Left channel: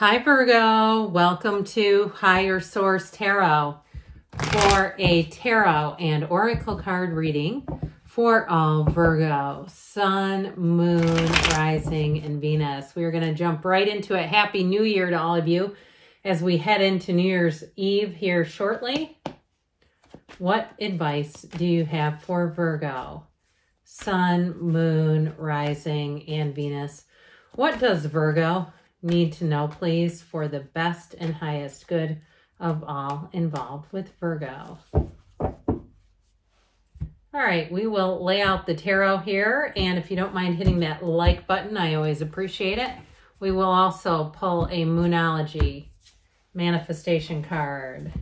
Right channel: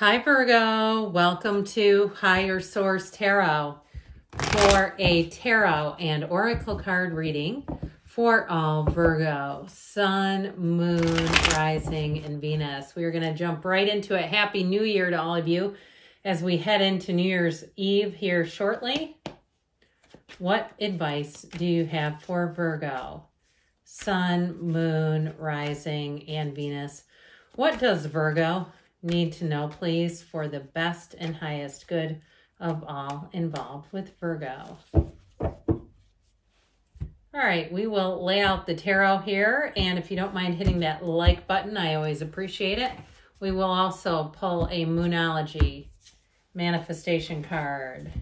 Hi Virgo, welcome to Higher Source Tarot for a tarot and oracle card reading for all Virgo, Sun, Moon, Rising, and Venus. We are going to jump right into it. Happy New Year to all of you as we head into New Year's Eve here shortly. What advice do you have for Virgo, Sun, Moon, Rising, and Venus? What does Virgo need to know, please, for the best and highest good of all involved with Virgo? All right, we will lay out the tarot here, and if you don't mind hitting that like button, I always appreciate it. We will also pull a Moonology manifestation card.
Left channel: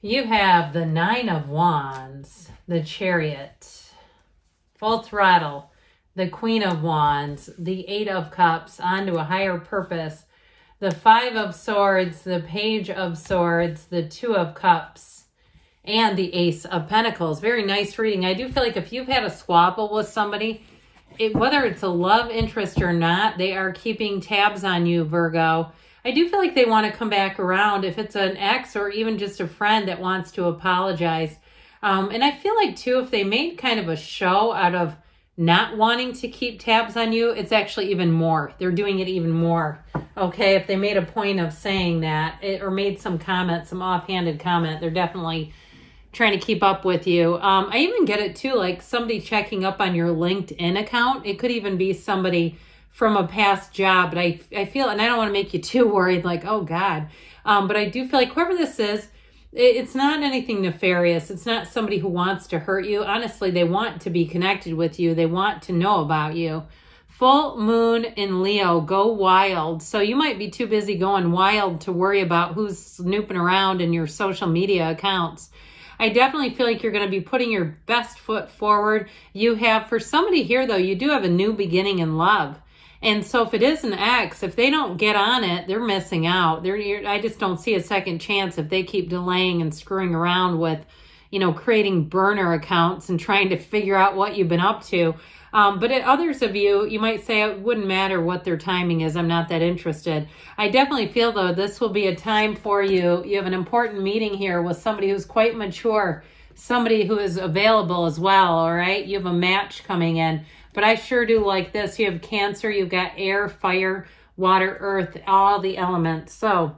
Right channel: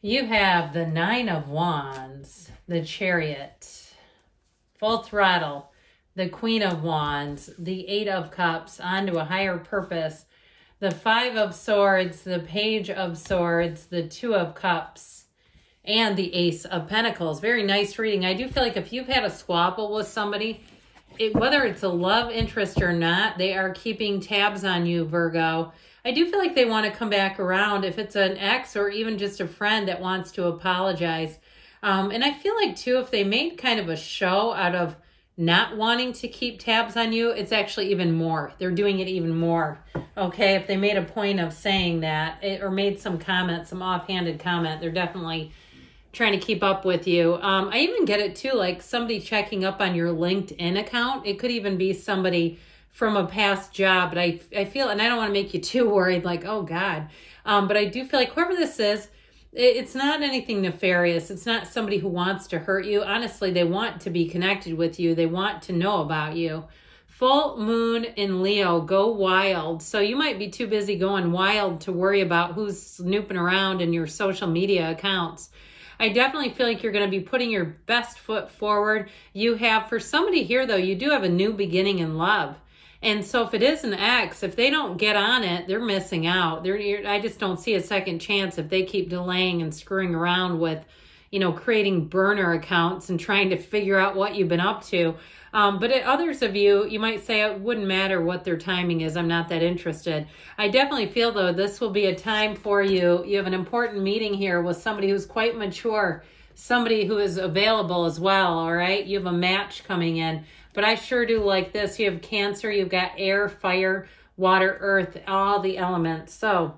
You have the Nine of Wands, the Chariot, full throttle, the Queen of Wands, the Eight of Cups, onto a higher purpose, the Five of Swords, the Page of Swords, the Two of Cups, and the Ace of Pentacles. Very nice reading. I do feel like if you've had a squabble with somebody, whether it's a love interest or not, they are keeping tabs on you, Virgo. I do feel like they want to come back around if it's an ex or even just a friend that wants to apologize. And I feel like, too, if they made kind of a show out of not wanting to keep tabs on you, it's actually even more. They're doing it even more. Okay, if they made a point of saying that or made some comment, some offhanded comment, they're definitely trying to keep up with you. I even get it too, like somebody checking up on your LinkedIn account. It could even be somebody from a past job. But I feel, and I don't want to make you too worried, like, oh God. But I do feel like whoever this is, it's not anything nefarious. It's not somebody who wants to hurt you. Honestly, they want to be connected with you. They want to know about you. Full moon in Leo, go wild. So you might be too busy going wild to worry about who's snooping around in your social media accounts. I definitely feel like you're going to be putting your best foot forward. You have, for somebody here though, you do have a new beginning in love. And so if it is an ex, if they don't get on it, they're missing out. I just don't see a second chance if they keep delaying and screwing around with, creating burner accounts and trying to figure out what you've been up to. But others of you, you might say it wouldn't matter what their timing is. I'm not that interested. I definitely feel, though, this will be a time for you. You have an important meeting here with somebody who's quite mature, somebody who is available as well, all right? You have a match coming in. But I sure do like this. You have Cancer, you've got air, fire, water, earth, all the elements. So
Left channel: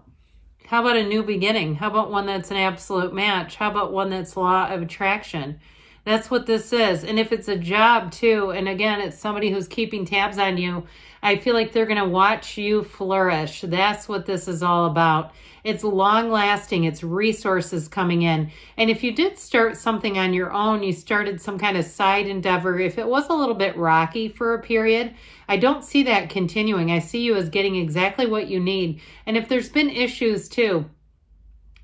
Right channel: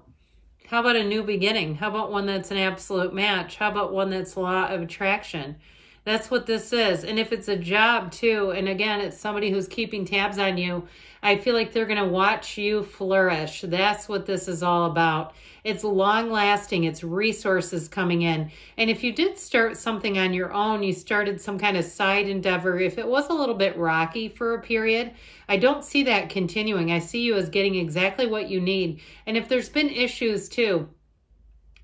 how about a new beginning? How about one that's an absolute match? How about one that's law of attraction? That's what this is. And if it's a job too, and again, it's somebody who's keeping tabs on you, I feel like they're going to watch you flourish. That's what this is all about. It's long-lasting. It's resources coming in. And if you did start something on your own, you started some kind of side endeavor, if it was a little bit rocky for a period, I don't see that continuing. I see you as getting exactly what you need. And if there's been issues too,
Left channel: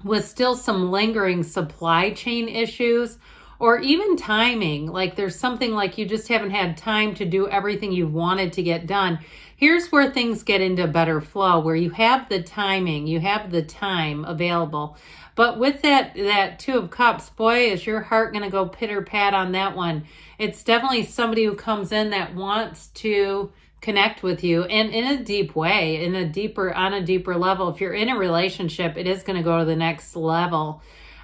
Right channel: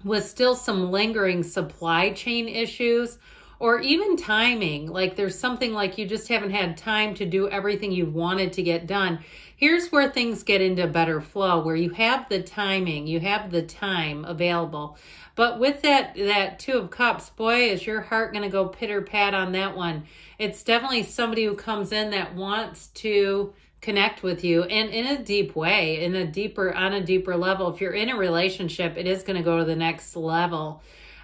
with still some lingering supply chain issues, or even timing, like there's something like you just haven't had time to do everything you wanted to get done. Here's where things get into better flow, where you have the timing, you have the time available. But with that Two of Cups, boy, is your heart going to go pitter-pat on that one. It's definitely somebody who comes in that wants to connect with you, and in a deep way, on a deeper level. If you're in a relationship, it is going to go to the next level.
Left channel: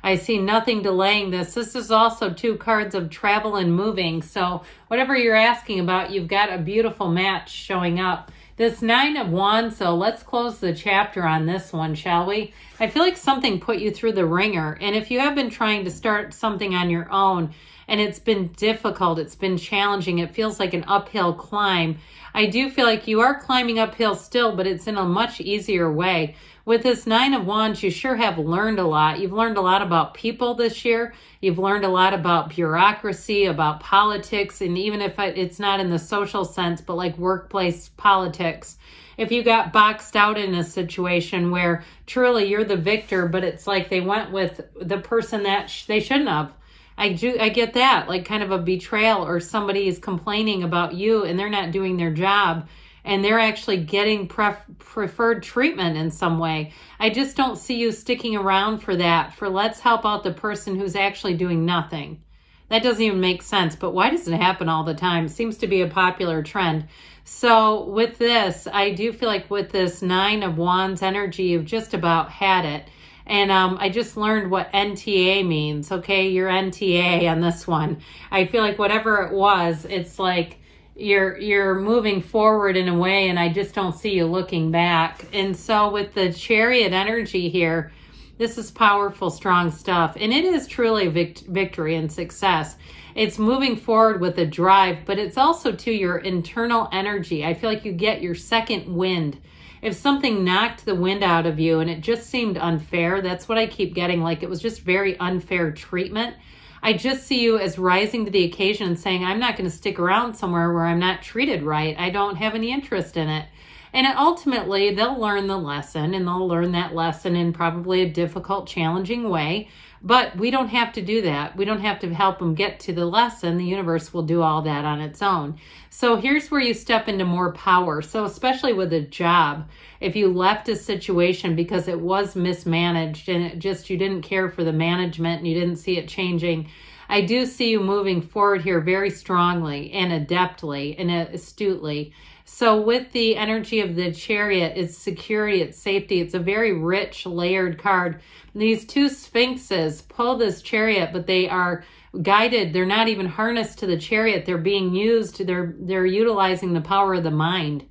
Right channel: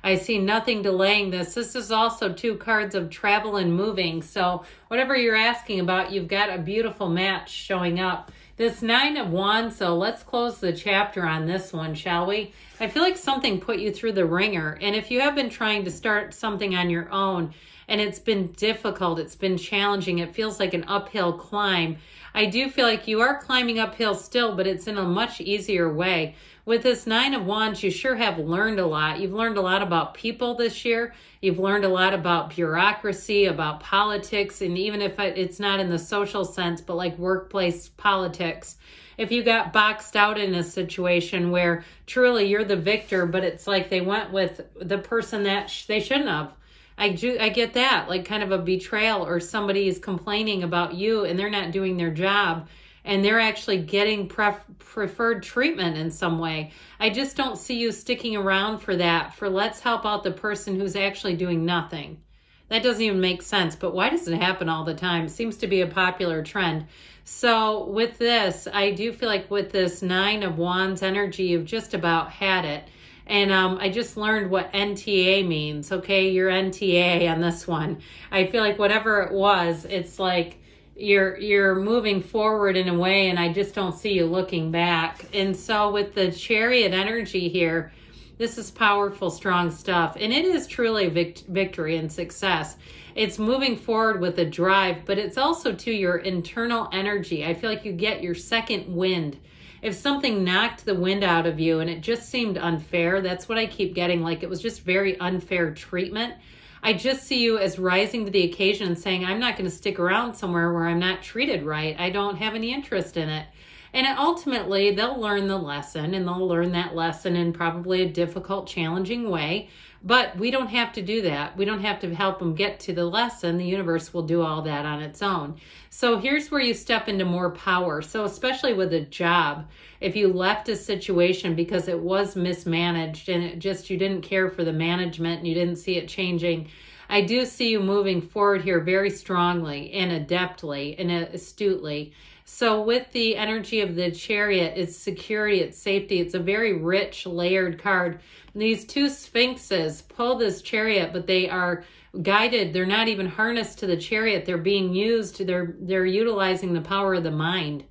I see nothing delaying this. This is also two cards of travel and moving. So whatever you're asking about, you've got a beautiful match showing up. This Nine of Wands, so let's close the chapter on this one, shall we? I feel like something put you through the ringer. And if you have been trying to start something on your own and it's been difficult, it's been challenging, it feels like an uphill climb, I do feel like you are climbing uphill still, but it's in a much easier way. With this Nine of Wands, you sure have learned a lot. You've learned a lot about people this year. You've learned a lot about bureaucracy, about politics, and even if it's not in the social sense, but like workplace politics. If you got boxed out in a situation where truly you're the victor, but it's like they went with the person that they shouldn't have. I get that, like kind of a betrayal, or somebody is complaining about you and they're not doing their job, and they're actually getting preferred treatment in some way. I just don't see you sticking around for that, for let's help out the person who's actually doing nothing. That doesn't even make sense, but why does it happen all the time? It seems to be a popular trend. So with this, I do feel like with this 9 of Wands energy, you've just about had it. And I just learned what NTA means, okay? Your NTA on this one. I feel like whatever it was, it's like you're moving forward in a way, and I just don't see you looking back. And so with the Chariot energy here, this is powerful, strong stuff. And it is truly victory and success. It's moving forward with a drive, but it's also to your internal energy. I feel like you get your second wind. If something knocked the wind out of you and it just seemed unfair, that's what I keep getting. Like it was just very unfair treatment. I just see you as rising to the occasion and saying, I'm not going to stick around somewhere where I'm not treated right. I don't have any interest in it. And ultimately, they'll learn the lesson, and they'll learn that lesson in probably a difficult, challenging way. But we don't have to do that. We don't have to help them get to the lesson. The universe will do all that on its own. So here's where you step into more power. So especially with a job, if you left a situation because it was mismanaged and it just, you didn't care for the management and you didn't see it changing, I do see you moving forward here very strongly and adeptly and astutely. So with the energy of the Chariot, it's security, it's safety. It's a very rich, layered card. These two sphinxes pull this Chariot, but they are guided. They're not even harnessed to the Chariot. They're being used. They're utilizing the power of the mind.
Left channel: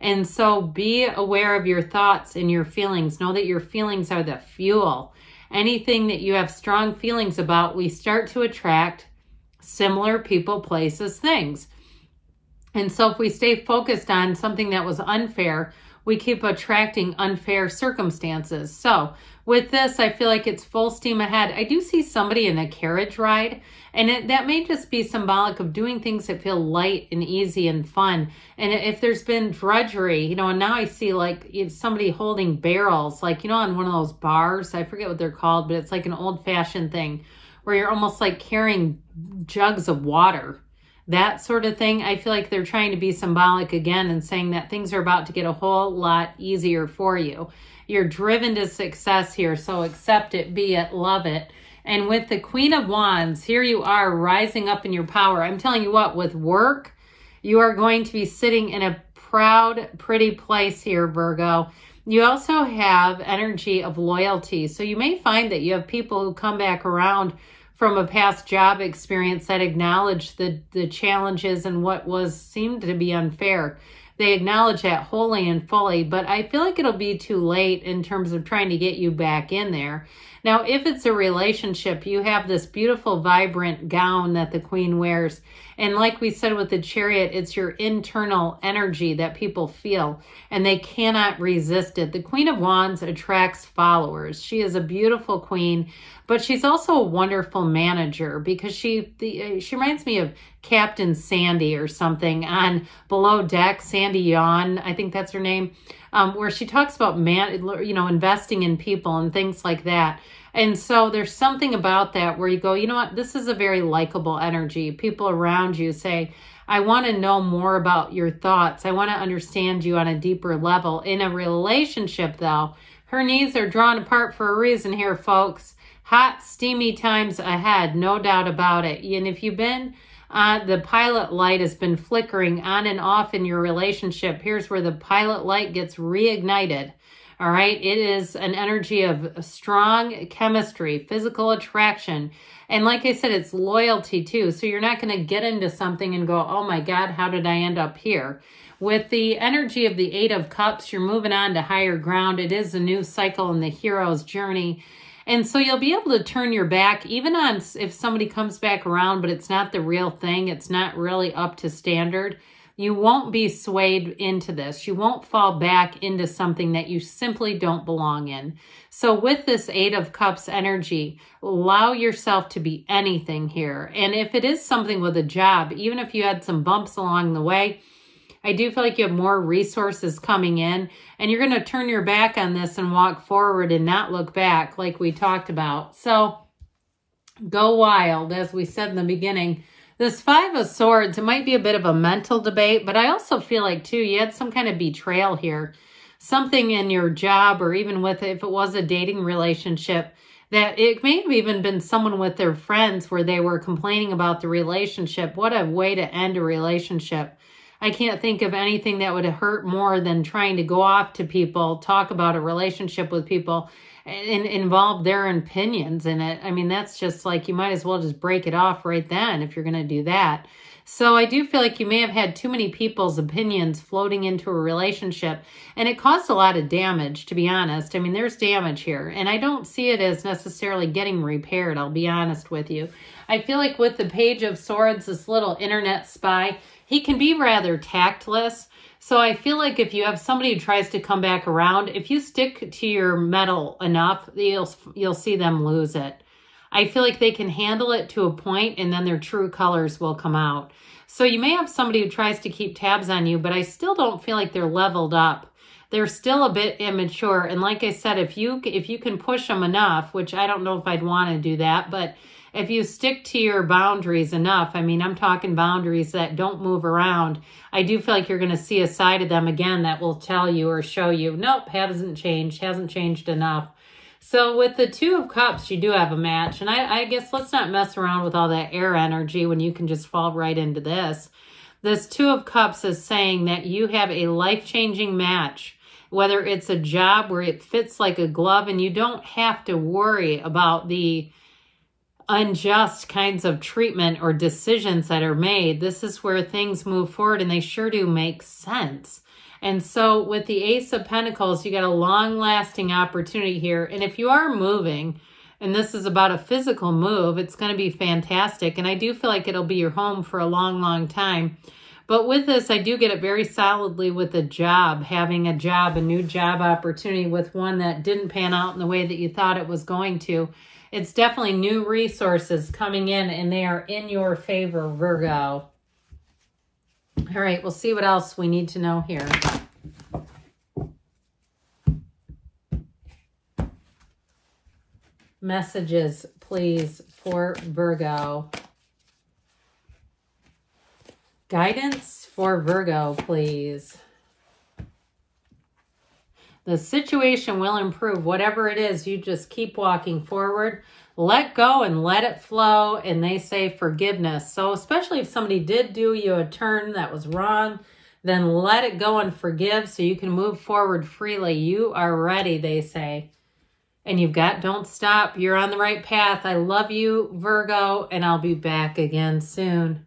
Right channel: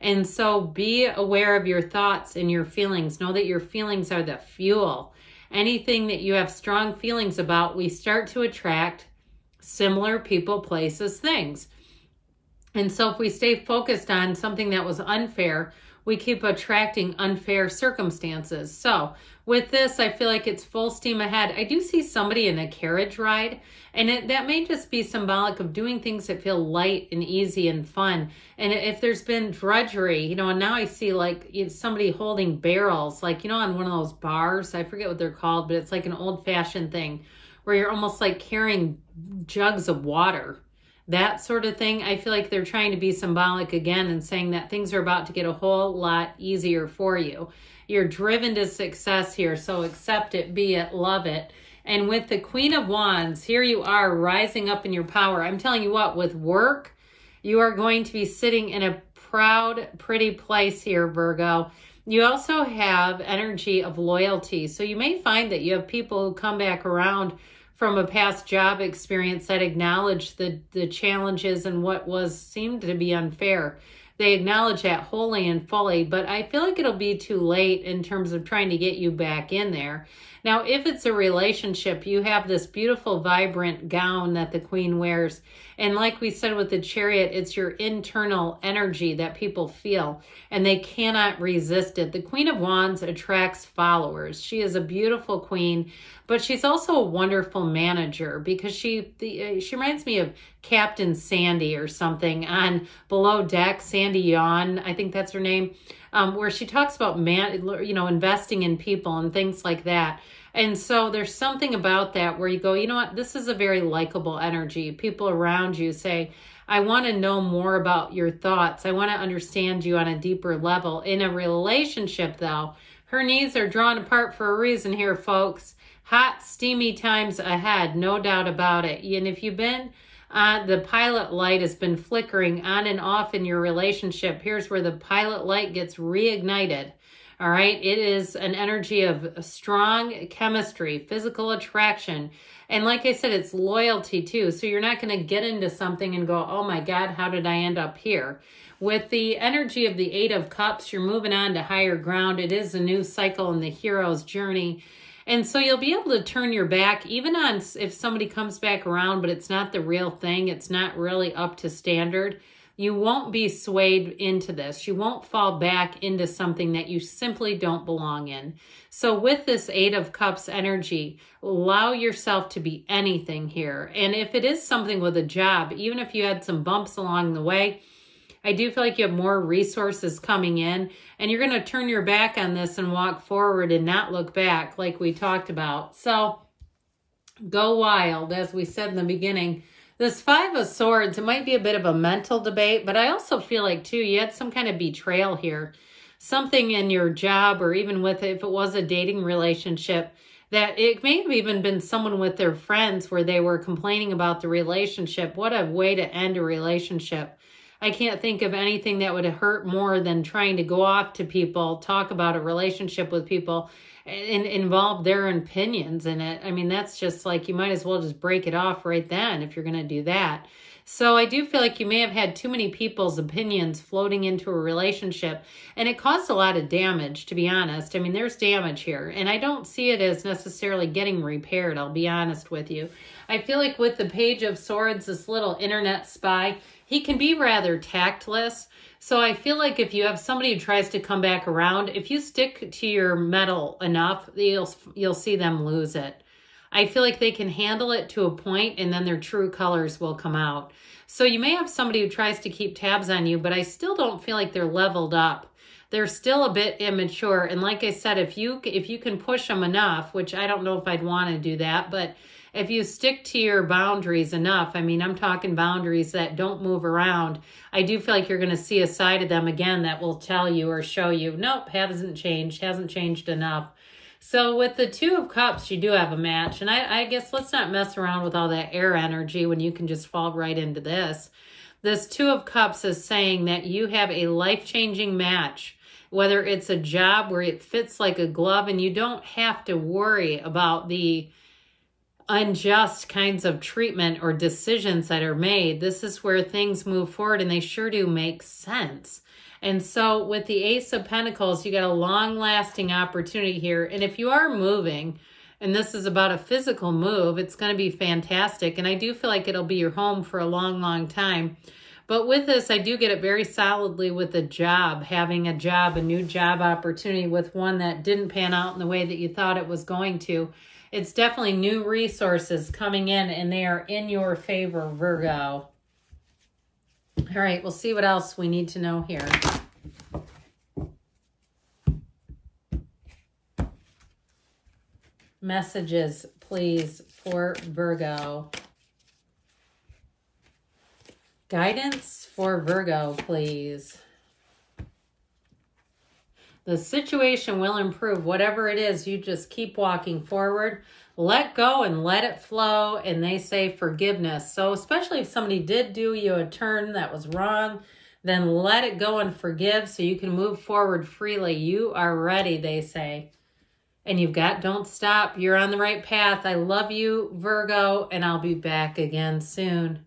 And so be aware of your thoughts and your feelings. Know that your feelings are the fuel. Anything that you have strong feelings about, we start to attract similar people, places, things. And so if we stay focused on something that was unfair, we keep attracting unfair circumstances. So with this, I feel like it's full steam ahead. I do see somebody in a carriage ride, and that may just be symbolic of doing things that feel light and easy and fun. And if there's been drudgery, you know, and now I see like somebody holding barrels, like, you know, on one of those bars, I forget what they're called, but it's like an old-fashioned thing where you're almost like carrying jugs of water. That sort of thing. I feel like they're trying to be symbolic again and saying that things are about to get a whole lot easier for you. You're driven to success here, so accept it, be it, love it. And with the Queen of Wands, here you are rising up in your power. I'm telling you what, with work, you are going to be sitting in a proud, pretty place here, Virgo. You also have energy of loyalty. So you may find that you have people who come back around from a past job experience that acknowledge the challenges and what seemed to be unfair. They acknowledge that wholly and fully, but I feel like it'll be too late in terms of trying to get you back in there. Now, if it's a relationship, you have this beautiful, vibrant gown that the Queen wears. And like we said with the Chariot, it's your internal energy that people feel, and they cannot resist it. The Queen of Wands attracts followers. She is a beautiful queen, but she's also a wonderful manager because she reminds me of Captain Sandy or something on Below Deck, Sandy Yawn, I think that's her name, where she talks about investing in people and things like that. And so there's something about that where you go, you know what, this is a very likable energy. People around you say, I want to know more about your thoughts. I want to understand you on a deeper level. In a relationship, though, her needs are drawn apart for a reason here, folks. Hot, steamy times ahead, no doubt about it. And if you've been, the pilot light has been flickering on and off in your relationship, here's where the pilot light gets reignited. All right, it is an energy of strong chemistry, physical attraction. And like I said, it's loyalty too. So you're not going to get into something and go, oh my God, how did I end up here? With the energy of the 8 of Cups, you're moving on to higher ground. It is a new cycle in the hero's journey. And so you'll be able to turn your back even on if somebody comes back around, but it's not the real thing. It's not really up to standard. You won't be swayed into this. You won't fall back into something that you simply don't belong in. So with this 8 of Cups energy, allow yourself to be anything here. And if it is something with a job, even if you had some bumps along the way, I do feel like you have more resources coming in, and you're going to turn your back on this and walk forward and not look back like we talked about. So go wild, as we said in the beginning. This 5 of Swords, it might be a bit of a mental debate, but I also feel like, too, you had some kind of betrayal here. Something in your job, or even with, if it was a dating relationship, that it may have even been someone with their friends where they were complaining about the relationship. What a way to end a relationship. I can't think of anything that would hurt more than trying to go off to people, talk about a relationship with people, and involve their opinions in it. I mean, that's just like, you might as well just break it off right then if you're going to do that. So I do feel like you may have had too many people's opinions floating into a relationship, and it caused a lot of damage, to be honest. I mean, there's damage here, and I don't see it as necessarily getting repaired, I'll be honest with you. I feel like with the Page of Swords, this little internet spy, he can be rather tactless. So I feel like if you have somebody who tries to come back around, if you stick to your mettle enough, you'll see them lose it. I feel like they can handle it to a point, and then their true colors will come out. So you may have somebody who tries to keep tabs on you, but I still don't feel like they're leveled up. They're still a bit immature. And like I said, if you can push them enough, which I don't know if I'd want to do that, but if you stick to your boundaries enough, I mean, I'm talking boundaries that don't move around, I do feel like you're going to see a side of them again that will tell you or show you, nope, hasn't changed enough. So with the Two of Cups, you do have a match. And I guess let's not mess around with all that air energy when you can just fall right into this. This Two of Cups is saying that you have a life-changing match, whether it's a job where it fits like a glove and you don't have to worry about the unjust kinds of treatment or decisions that are made. This is where things move forward, and they sure do make sense. And so with the Ace of Pentacles, you got a long-lasting opportunity here. And if you are moving, and this is about a physical move, it's going to be fantastic. And I do feel like it'll be your home for a long, long time. But with this, I do get it very solidly with a job, having a job, a new job opportunity with one that didn't pan out in the way that you thought it was going to. It's definitely new resources coming in, and they are in your favor, Virgo. All right, we'll see what else we need to know here. Messages, please, for Virgo. Guidance for Virgo, please. The situation will improve. Whatever it is, you just keep walking forward. Let go and let it flow. And they say forgiveness. So especially if somebody did do you a turn that was wrong, then let it go and forgive so you can move forward freely. You are ready, they say. And you've got, don't stop. You're on the right path. I love you, Virgo, and I'll be back again soon.